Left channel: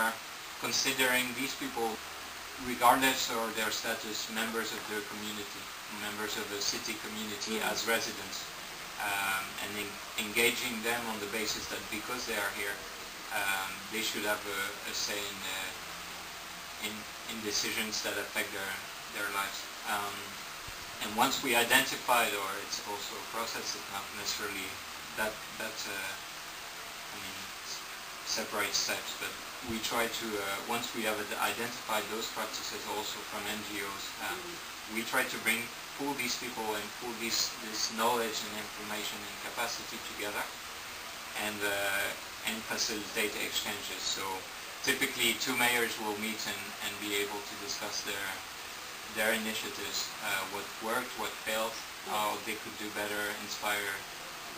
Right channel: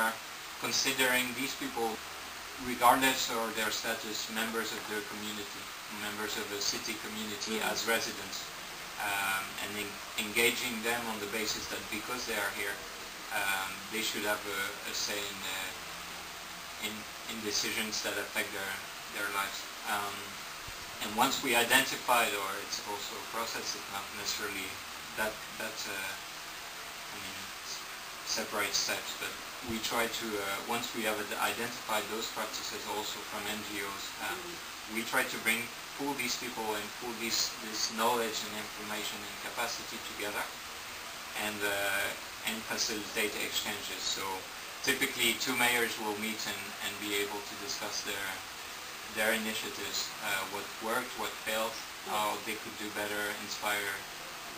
are considering these people, regardless of their status, members of their community, members of the city community as residents, and engaging them on the basis that because they are here, they should have a say in decisions that affect their lives. And once we identified, or it's also a process, it's not necessarily that's separate steps, but we try to, once we have identified those practices also from NGOs, we try to pull these people and pull this knowledge and information and capacity together and facilitate exchanges. So typically 2 mayors will meet and be able to discuss their initiatives, what worked, what failed, how they could do better, inspire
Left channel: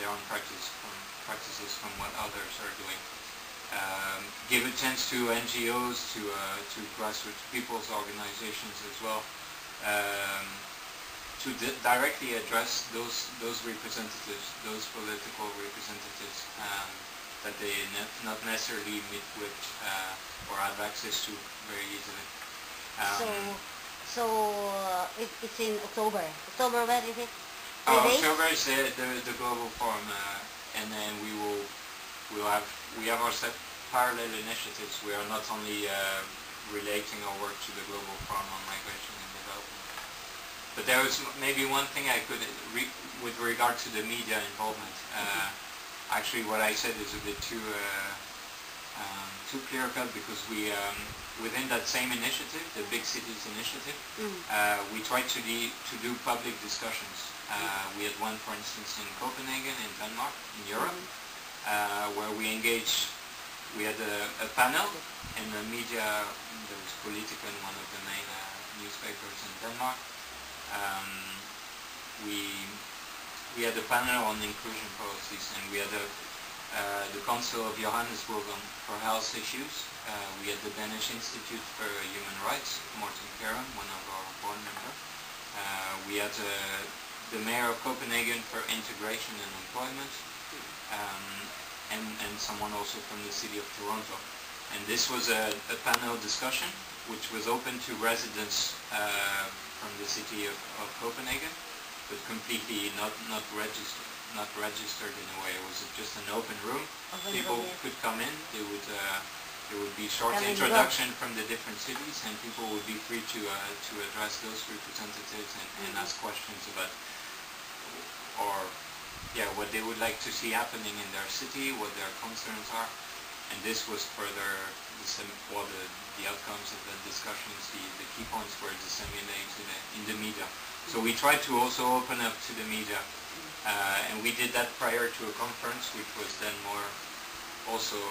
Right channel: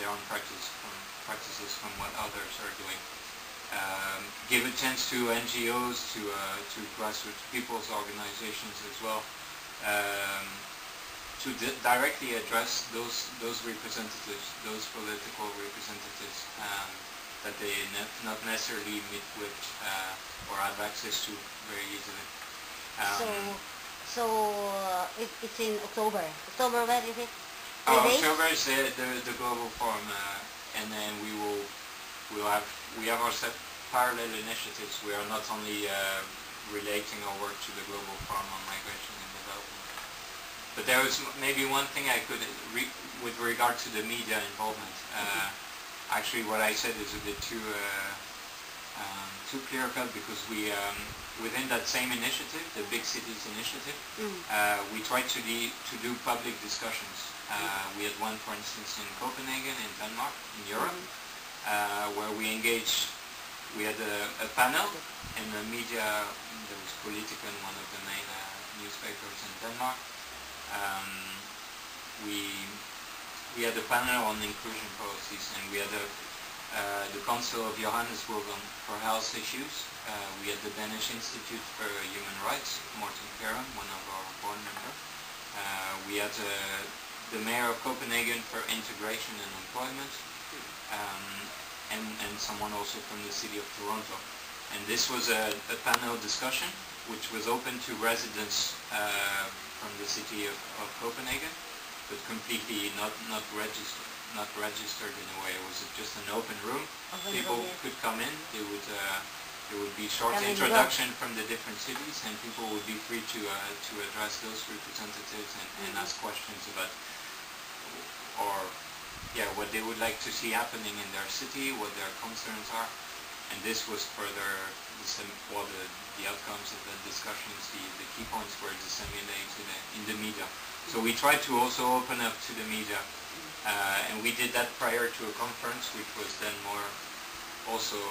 their own practices from what others are doing. Give a chance to NGOs, to grassroots people's organizations as well, to directly address those representatives, those political representatives that they not necessarily meet with or have access to very easily. It's in October. October, when is it? October is the global forum, and then we have our set parallel initiatives. We are not only relating our work to the global forum on migration and development, but there was maybe one thing I could with regard to the media involvement. Actually, what I said is a bit too clear-cut, because we within that same initiative, the Big Cities Initiative, we tried to do public discussions. We had one, for instance, in Copenhagen, in Denmark, in Europe, where we engaged. We had a panel, and the media, there was Politiken, one of the main newspapers in Denmark. We had a panel on inclusion policies, and we had the Council of Johannesburg for health issues. We had the Danish Institute for Human Rights, Morten Karen, one of our board members. We had the Mayor of Copenhagen for integration and employment, and someone also from the city of Toronto. And this was a panel discussion which was open to residents from the city of Copenhagen, but completely not registered in a way. It was just an open room. People could come in. There would be short introduction from the different cities, and people would be free to address those representatives and ask questions about what they would like to see happening in their city, what their concerns are. And this was further the outcomes of the discussions, the key points were disseminated in the media. So we tried to also open up to the media, and we did that prior to a conference, which was then more also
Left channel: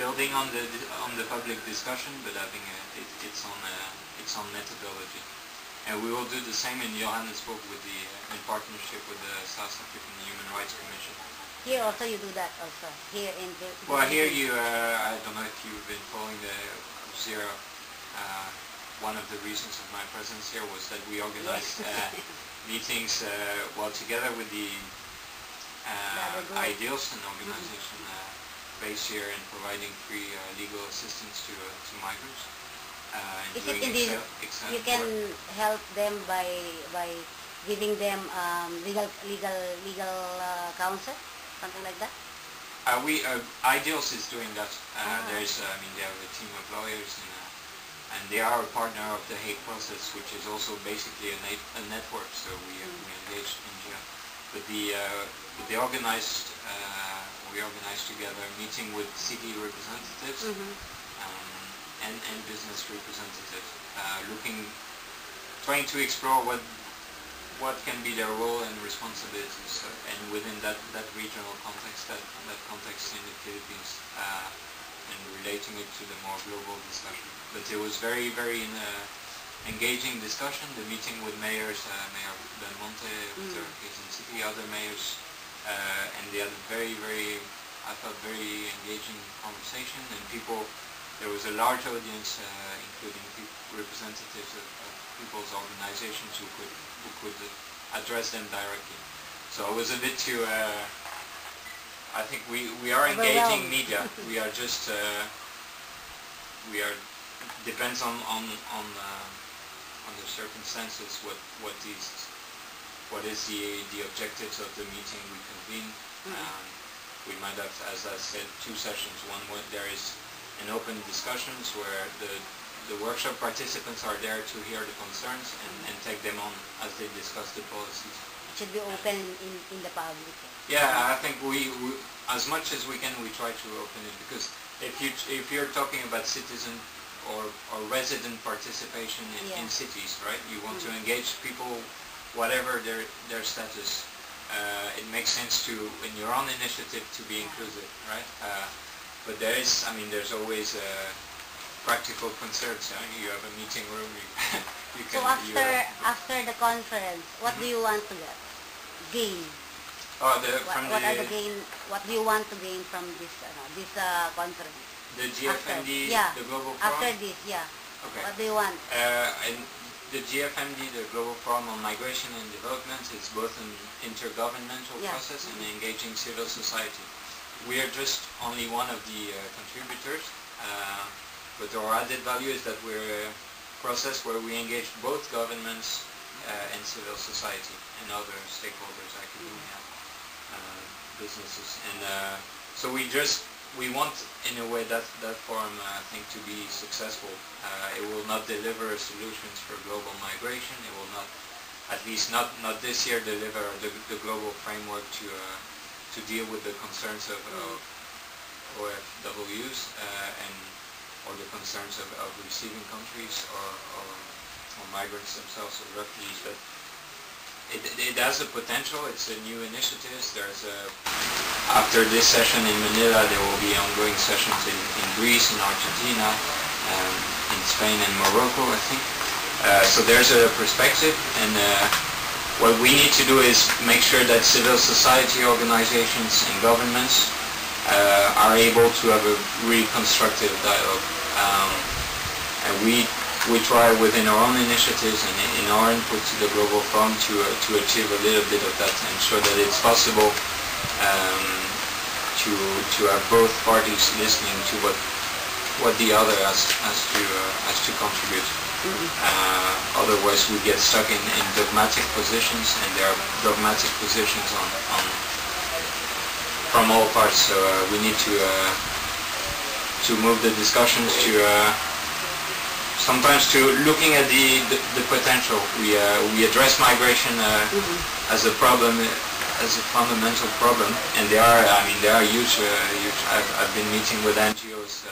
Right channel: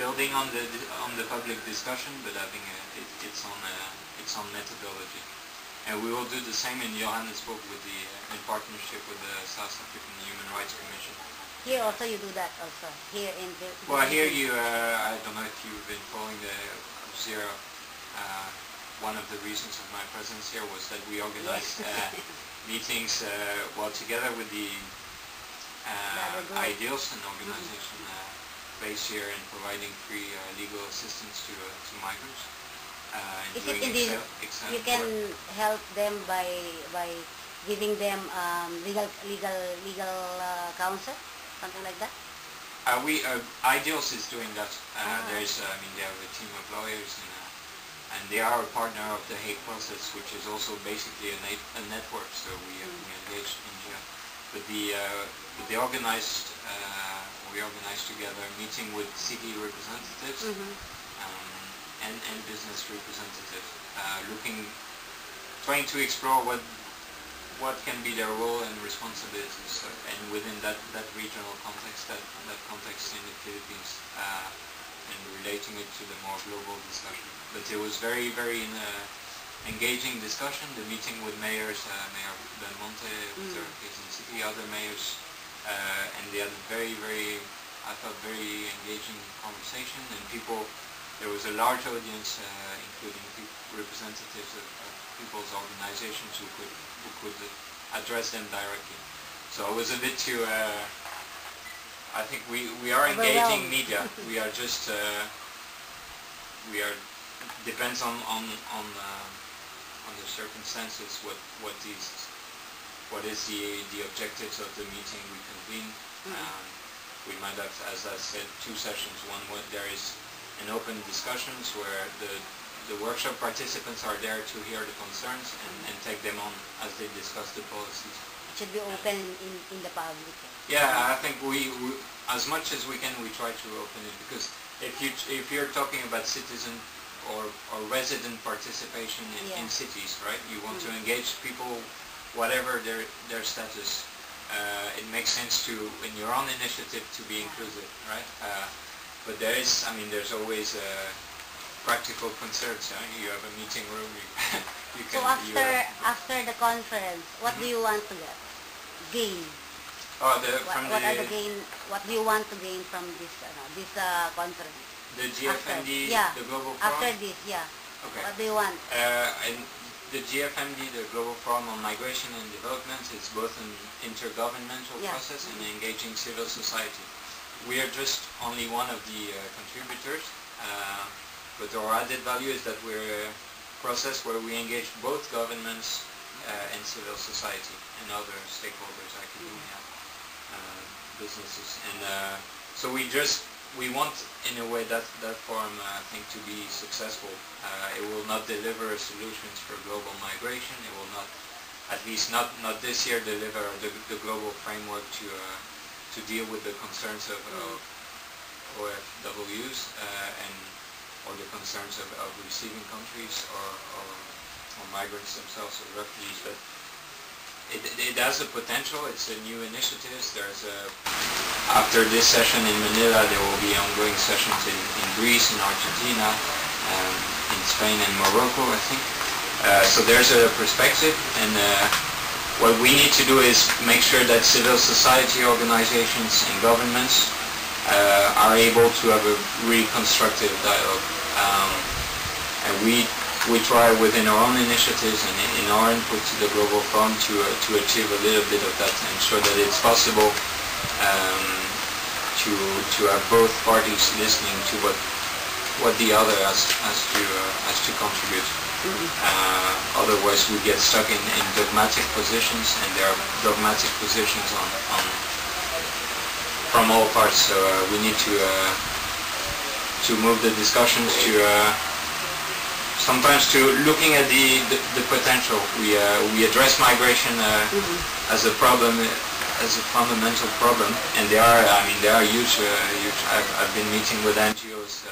building on the public discussion, but having its own methodology. And we will do the same in Johannesburg in partnership with the South African Human Rights Commission. Here also you do that also. Here in the here I don't know if you've been following the Zero. One of the reasons of my presence here was that we organized meetings together with the Ideals, an organization based here in providing free legal assistance to migrants. You can help them by giving them legal counsel, something like that. Ideals is doing that. There's, they have a team of lawyers, and they are a partner of the Hague Process, which is also basically a network. So we engaged in here. But we organized together a meeting with city representatives. And business representatives, trying to explore what can be their role and responsibilities, and within that regional context, that context in the Philippines, and relating it to the more global discussion. But it was very, very engaging discussion. The meeting with mayors, Mayor Del Monte, Quezon City, other mayors, and they had a very, very, I thought, very engaging conversation, and people. There was a large audience, including representatives of people's organizations who could address them directly. So it was a bit too. I think we are engaging media. We are just we are depends on the circumstances what is the objectives of the meeting we convene. We might have, as I said, two sessions. One where there is an open discussions where the workshop participants are there to hear the concerns and take them on as they discuss the policies. It should be open in the public. Yeah, I think we as much as we can, we try to open it, because if you're talking about citizen or resident participation in cities, right? You want to engage people, whatever their status. It makes sense to, in your own initiative, to be inclusive, right? But there's always practical concerns. You have a meeting room. You can, so after the conference, what do you want to gain? What do you want to gain from this conference? The GFMD, the Global Forum? After this, Okay. What do you want? And the GFMD, the Global Forum on Migration and Development, is both an intergovernmental process and engaging civil society. We are just only one of the contributors, but our added value is that we're a process where we engage both governments and civil society and other stakeholders, academia, businesses. And so we want, in a way, that forum, I think, to be successful. It will not deliver solutions for global migration. It will not, at least not this year, deliver the global framework to deal with the concerns of OFWs or the concerns of receiving countries or migrants themselves or refugees. But it has a potential. It's a new initiative. After this session in Manila, there will be ongoing sessions in Greece, in Argentina, in Spain and Morocco, I think. So there's a perspective, and what we need to do is make sure that civil society organizations and governments are able to have a really constructive dialogue. And we try within our own initiatives and in our input to the Global Forum to achieve a little bit of that and show that it's possible to have both parties listening to what the other has to contribute. Otherwise we get stuck in dogmatic positions, and there are dogmatic positions from all parts. So we need to move the discussions to sometimes to looking at the potential. We address migration as a problem, as a fundamental problem, and there are huge. I've been meeting with NGOs